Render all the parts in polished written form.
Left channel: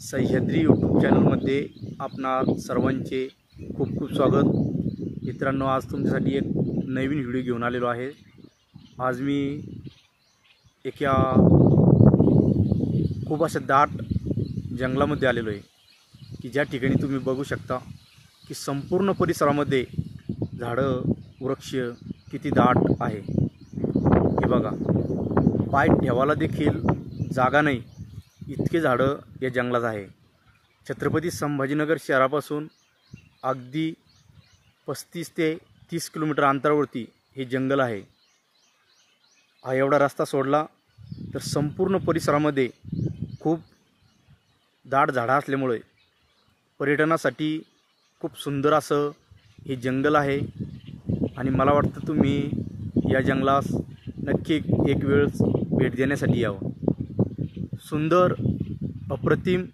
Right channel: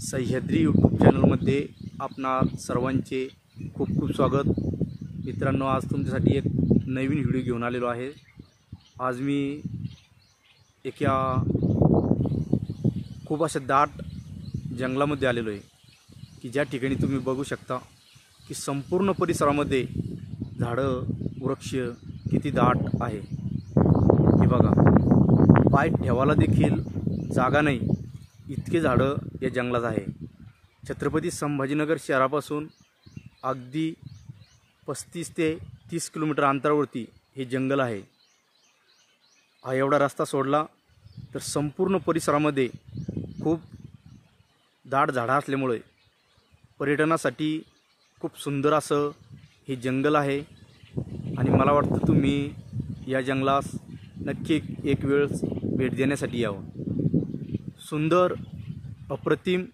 Sahyadri YouTube चॅनलमध्ये आपणा सर्वांचे खूप खूप स्वागत। मित्रांनो, आज तुमच्यासाठी एक नवीन व्हिडिओ घेऊन आलेलो आहे। आज मी एका खूप अशा दाट जंगलामध्ये आलेलो आहे की ज्या ठिकाणी तुम्ही बघू शकता की संपूर्ण परिसरामध्ये झाडं वृक्ष किती दाट आहे। हे बघा, पाय ठेवायला देखील जागा नाही इतके झाडं या जंगलात आहे। छत्रपती संभाजीनगर शहरापासून अगदी 35 ते 30 किलोमीटर अंतरावरती हे जंगल आहे। हा एवढा रस्ता सोडला तर संपूर्ण परिसरामध्ये खूप दाट झाडं असल्यामुळे पर्यटनासाठी खूप सुंदर असं हे जंगल आहे आणि मला वाटतं तुम्ही या जंगलास नक्की एक वेळ भेट देण्यासाठी यावं। सुंदर अप्रतिम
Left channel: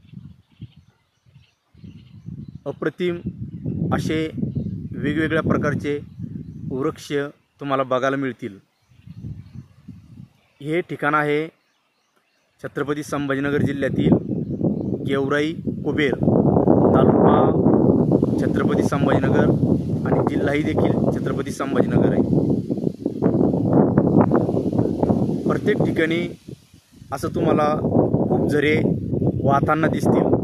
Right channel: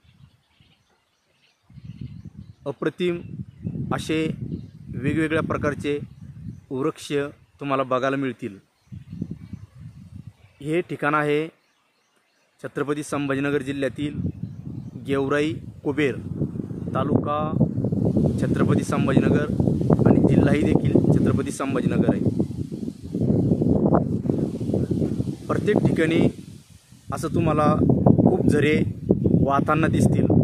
असे वेगवेगळ्या प्रकारचे वृक्ष तुम्हाला बघायला मिळतील। हे ठिकाण आहे छत्रपती संभाजीनगर जिल्ह्यातील गेवराई कुबेर, तालुका छत्रपती संभाजीनगर आणि जिल्हाही देखील छत्रपती संभाजीनगर आहे। प्रत्येक ठिकाणी असं तुम्हाला खूप झरे वाहताना दिसतील।